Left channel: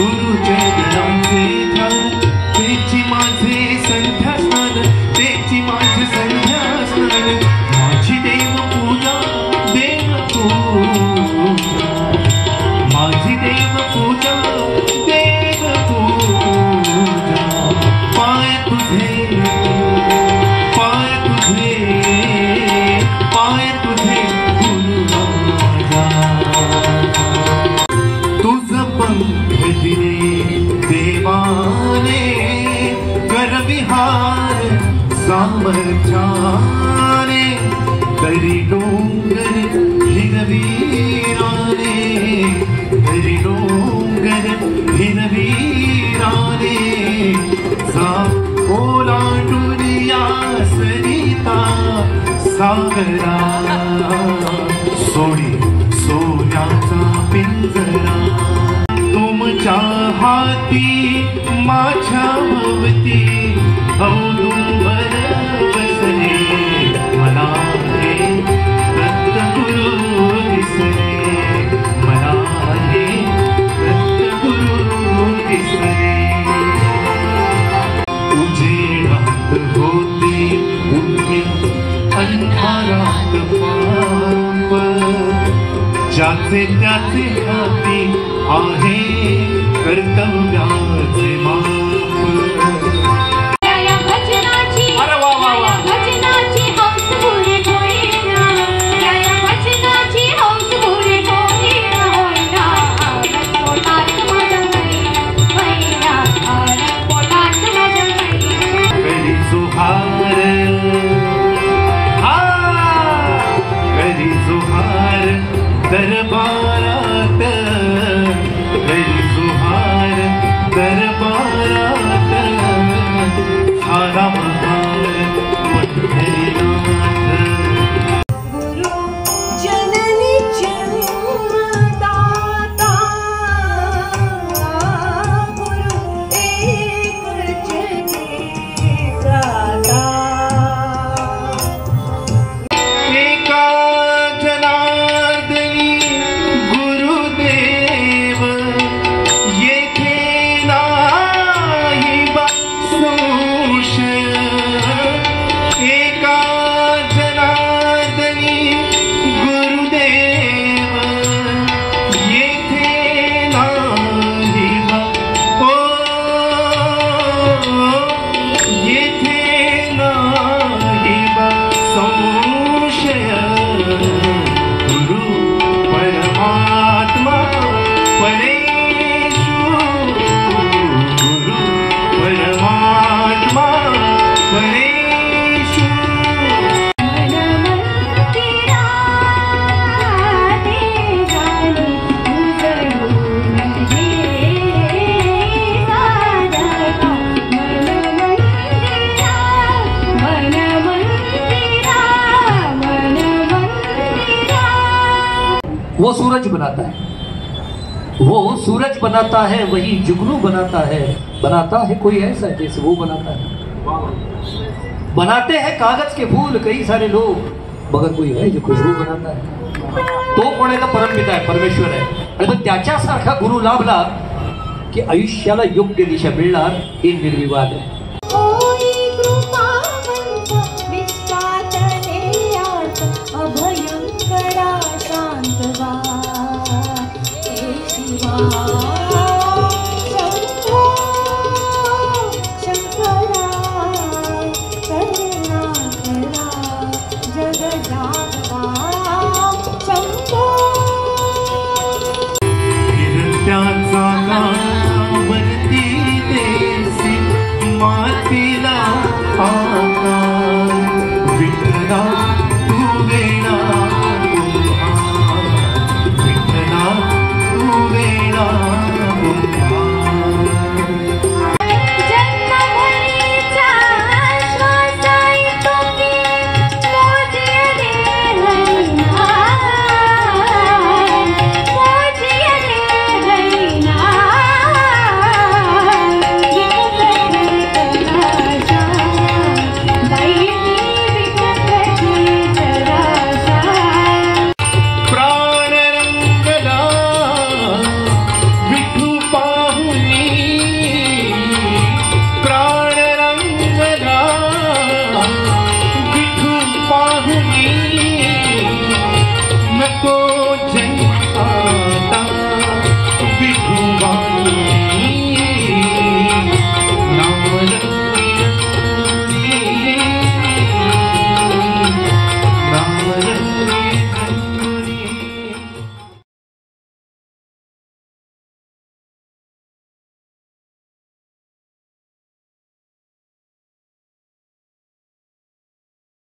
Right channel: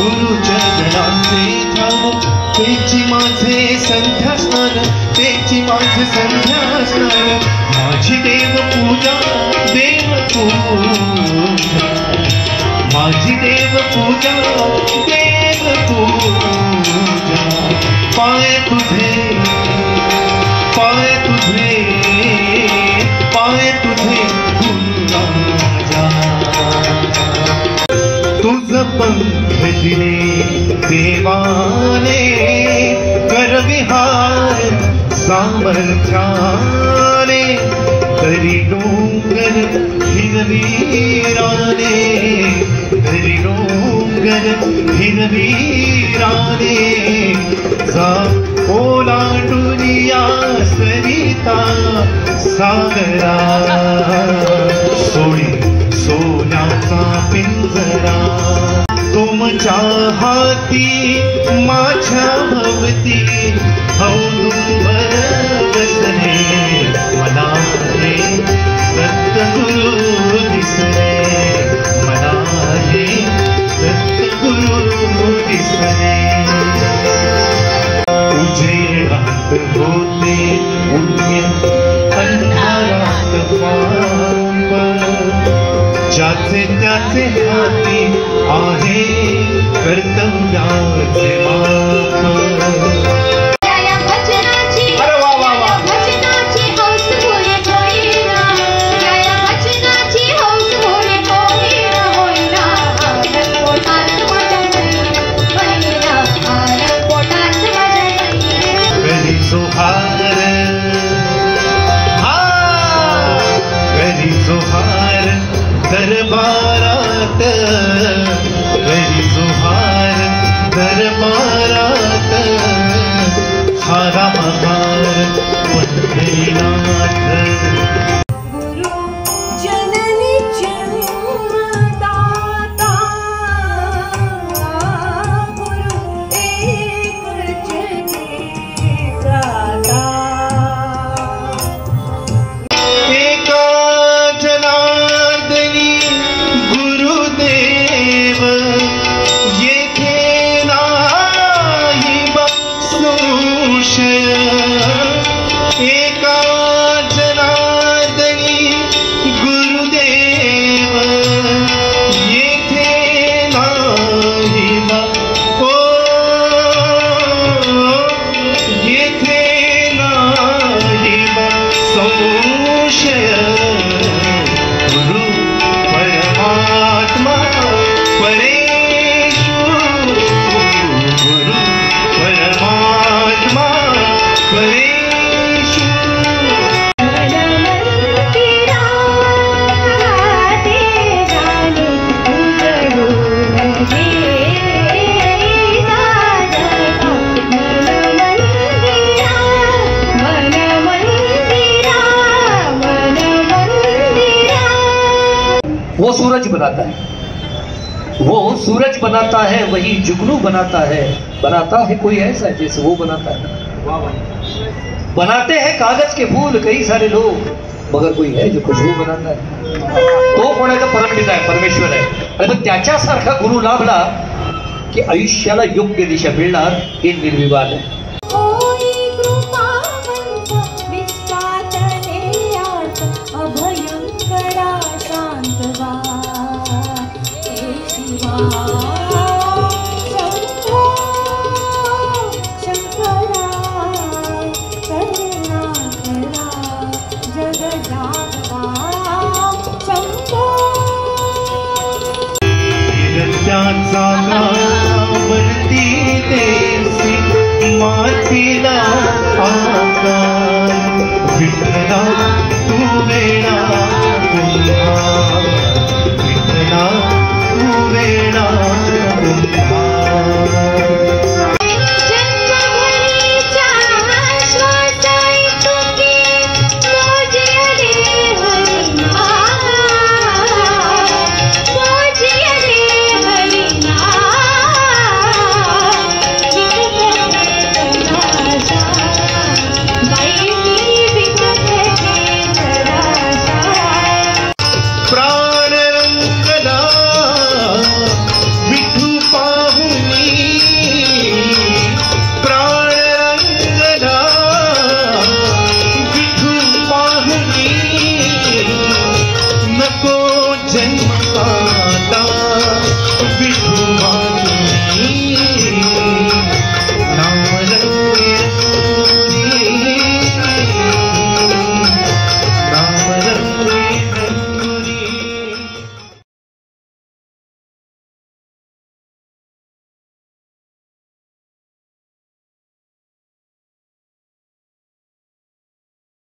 गुरुचरणाचे ध्यान तेची माझे संध्या स्नान तेची माझे संध्या स्नान माझी देव पूजा देव पूजा माझी देव पूजा देव पूजा पाय तुझे पाय तुझे पाय तुझे तुझ पंख दिले देवाने करविहार सामर्थ्याने तरी डोंगर हिरवीराने तरी डोंगर हिरवीराने जा ओलांडून या सरिता सागरा सोडी सोन्याचा पिंजरा तुमच्या हाती माझ्या भवती औदुंबर बसले मला रे दत्तगुरु दिसले मला रे दत्तगुरु दिसले उजेडात होते उन्हे अंधारात पाप ज्याचे त्याचे हाती आहे कर्तव्याचे जोहार दरबारात गरी जोहार दरबारात सारा महार पंढरीनाथ गुरु जननी जन्मदाता गुरु एक जगदाता वो सूरज बनाता है, वो सूरज बनाता है, वही जुगनू बनाता है कोई ऐसा जैसे वो बनाता है। बनाते हैं कागज के फूल कई सारे लोग, मगर कोई है जो खुशबू बनाता है, तो कोणाचा परमपिता आहे, परमेश्वर आहे। आणि मग त्याच्यासारखा गुरु लाभला की आयुष्याला योग्य दिशा मिळणार हे निर्विवाद आहे। अभयंकरा शांतवा